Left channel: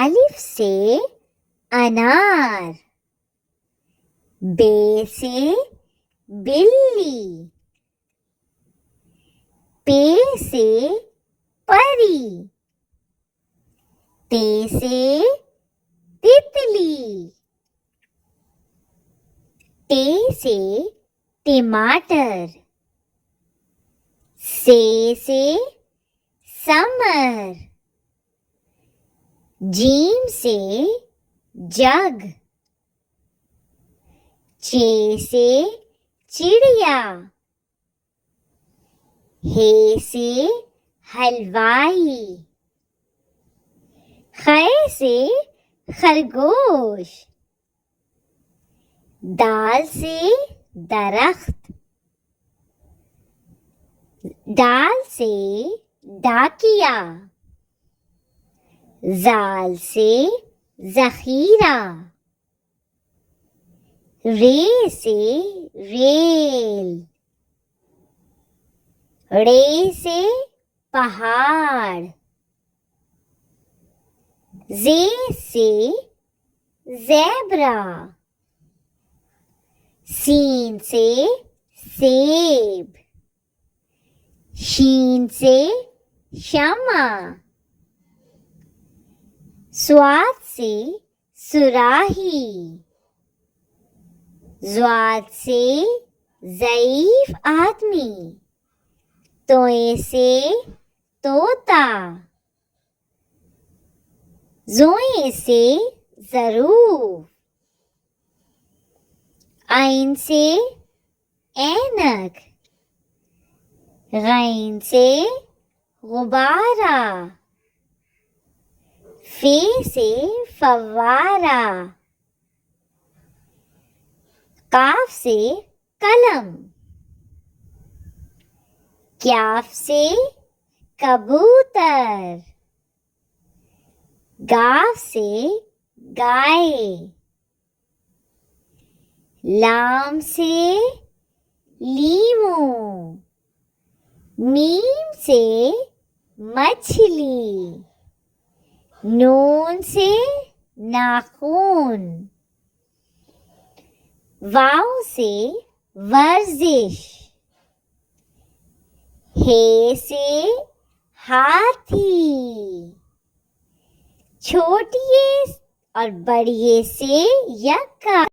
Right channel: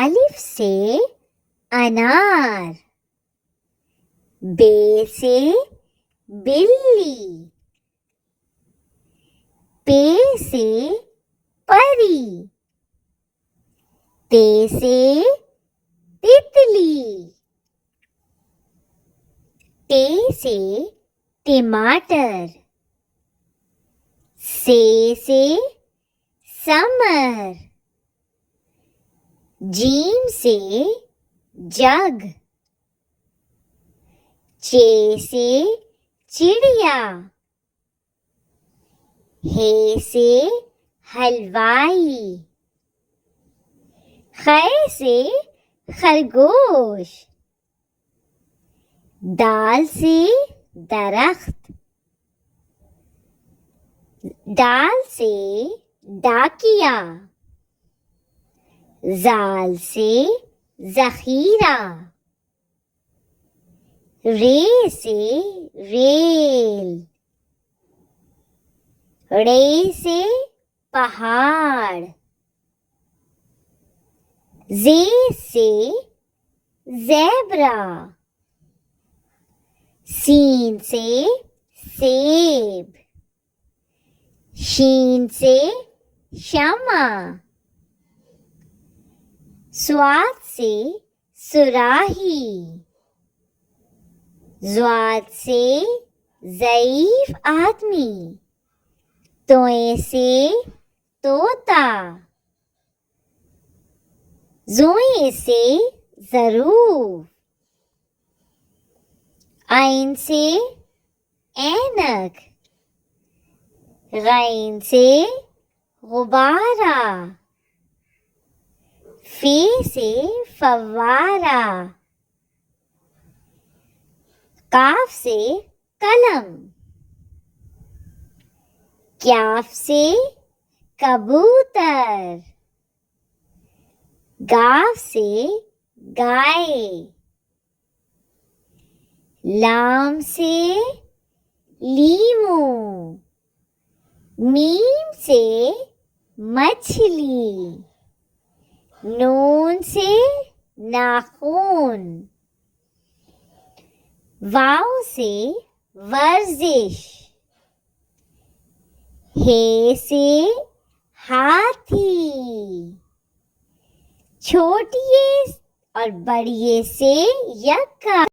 अलिफ से अनार, बे से बिल्ली, पे से परी, ते से तितली, टे से टमाटर, से समर, जीम से जग, चे से चिड़िया, हे से हलवाई, खे से खरगोश, दाल से दरख्त, दाल से डाकिया, जाल से जखीरा, रे से रेल, रे से पहाड़, जे से ज़ेब्रा, सीन से सेब, शीन से शमा, स्वाद से सुराही, ज़्वाद से ज़ईफ आदमी, तोए से तोता, ज़ोए से ज़रूफ, आइन से ऐनक, गैन से गुब्बारा, फे से फव्वारा, काफ से कलम, क्याफ से कबूतर, गाफ से गाय, लाम से लीमू, मीम से मछली, नून से नाखून, वाव से वर्जिश, हे से हाथी, छोटिए और बड़िए से यक्का।